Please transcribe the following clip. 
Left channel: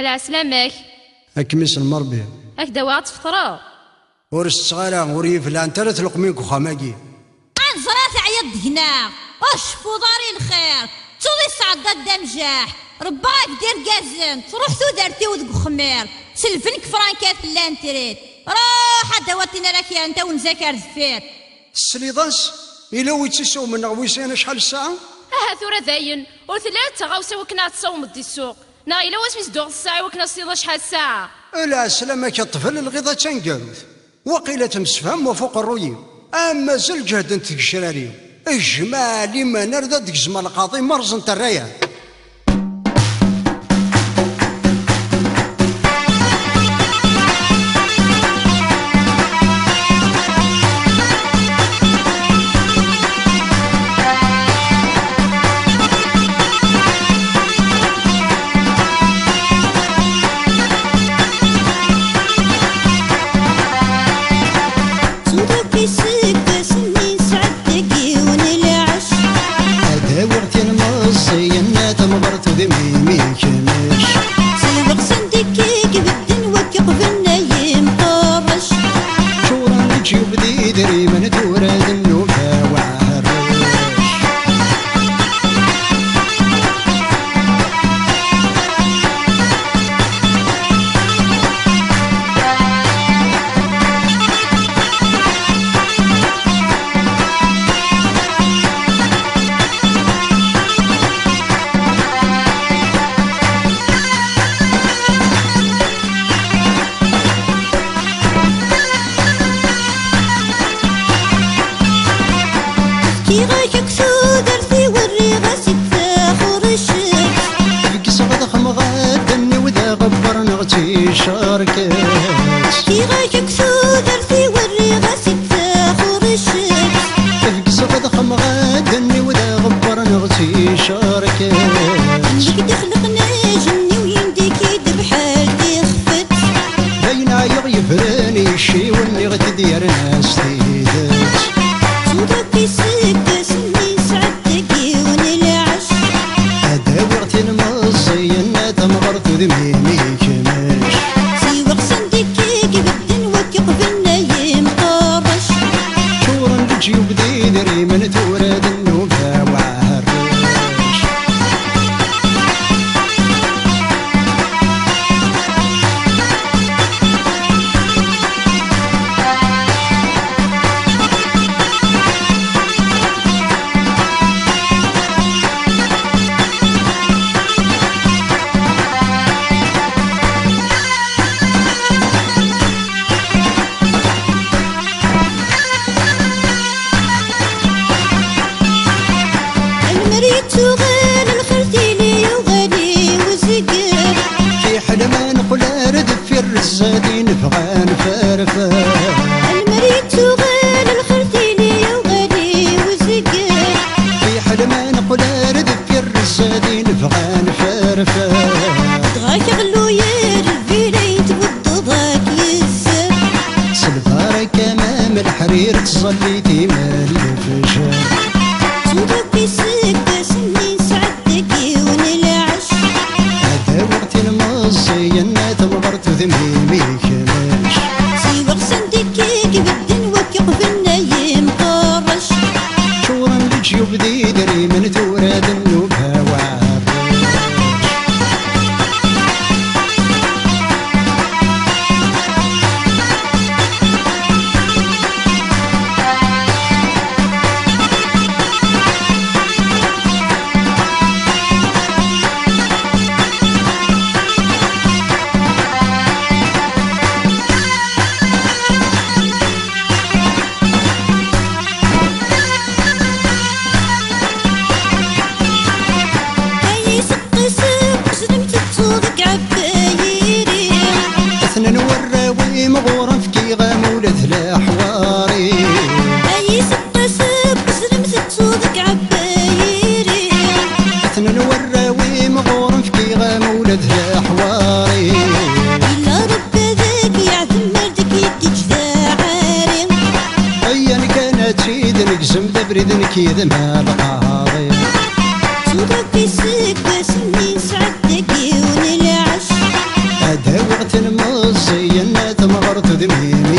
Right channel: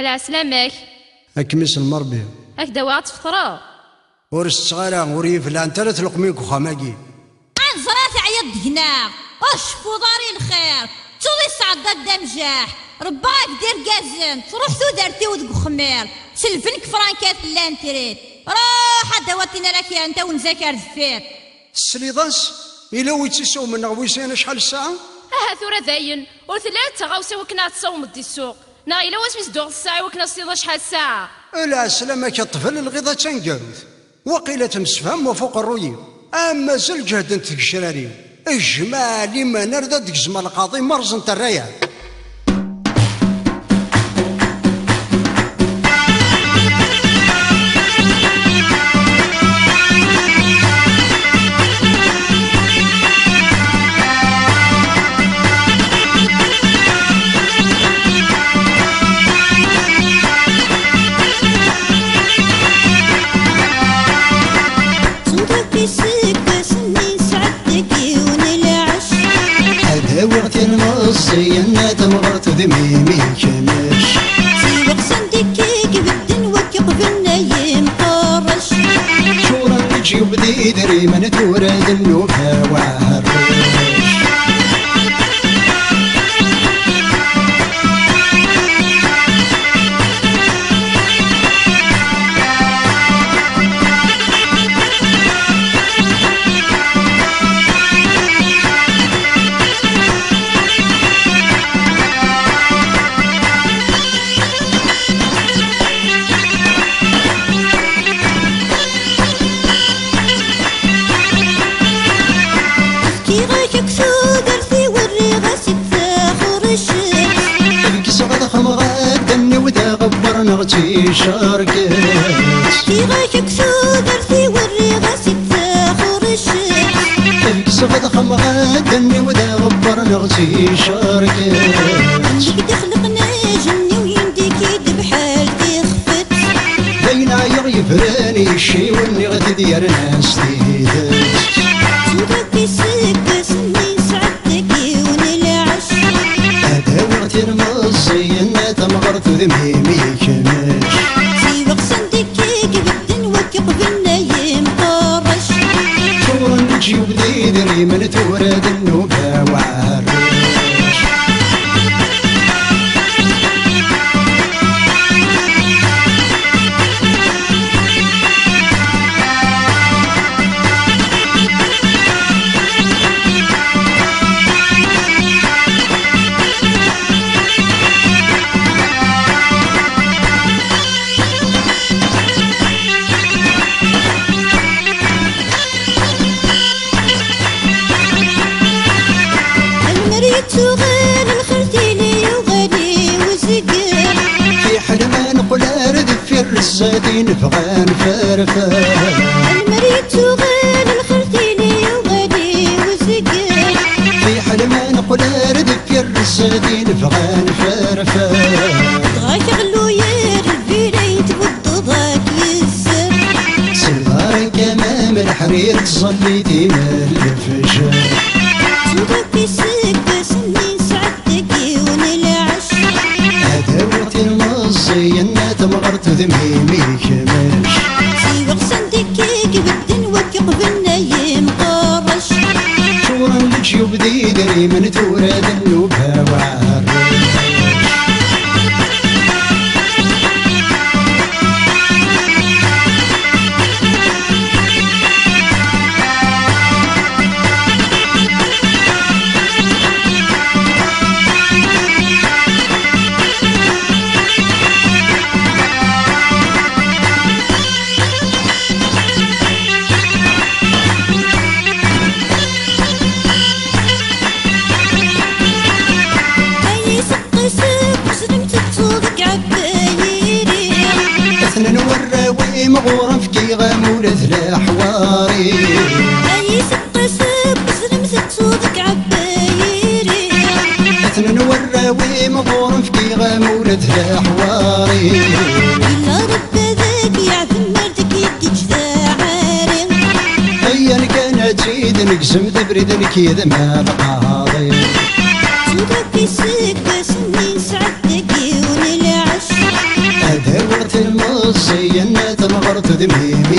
العسلامك. أكمس المربي هكذا واعد تفطرا ورست صغيرة وريف لان تلات لقميك وخماكي عنزرات عيط دهنا اشفو داري الخير تولي صعدة دمجاح رباك دير كازن تروح تودرتي ودق خمير سلفنك فرانكات لانتريت روح دواتينا لك يا انت ونذاكر دفير السليضاس إلا ويتسو من غويسين شحال الساعة؟ ثورة ذاين وثلاثة غاوسة وكنا تصوم دي السوق نايلا واش ميزدوغ الساعة وكنا صيدا شحال الساعة لا سلامك الطفل الغيظة تنقاروث وقيلة تمسفهم وفوق الرويب أما زل جهد انت الشراريو اجمع لما نرد دقزم القاضي مرزن الرايات ينا تمغرت ذميمي كمش سيوق صنديكيك بالدن وكيق بالنايم قرش شورا نجي وبدي دري من تورد النوبة وعرش كي غايك سودرتي والريغة ستاخر الشمس تبقي صغد خمغاد وذا غبر نغتي شاركت كي غايك سودرتي والريغة ستاخر الشمس تبقي صغد خمغاد وذا غبر نغتي شاركت عندك دخلقنا جني وينديك بحال تخفت بين عيغ يفراني الشي واللي غد ديار ناس تيدت صدقي سكس مني سعدتك ونلعش هذا وقت المصي ينا تمغرت ذميمي كمش سيوق صنديكيك بالدن وكيق بالنايم قرش شورا نجي وبدي دري من تورد النوبة وعرش تغال الخرتيلي وغالي وزقر في حلمان قلار ذفي الرزادين فغان فرفان المريد تغال الخرتيلي وغالي وزقر في حلمان قلار ذفي الرزادين فغان فرفان دغاك غلو يا الفيليت والضضاك يزر سلفارك امام الحرير تصليتي من الفجر صدقي سكس مني سعدتك ونلعش هذا وقت المصي ينا تمغرت ذميمي كمش سيوق صنديكيك بالدن وكيق بالنايم قرش شورا نجي وبدي دري من تورد النوبة وعرش نوراوي مغورا في كيغام ولد الحواري اي سقسب زلمت تصودك عبايري اثنا نوراوي مغورا في كيغام ولد الحواري الا رب ذاك يعذم مردك يدي جذاعاري ايا كانت تريد نقسم تبرد نكيد مع القاضي صدقي سكس مني سعدتك ونلعش الزين تمغرت ذميمي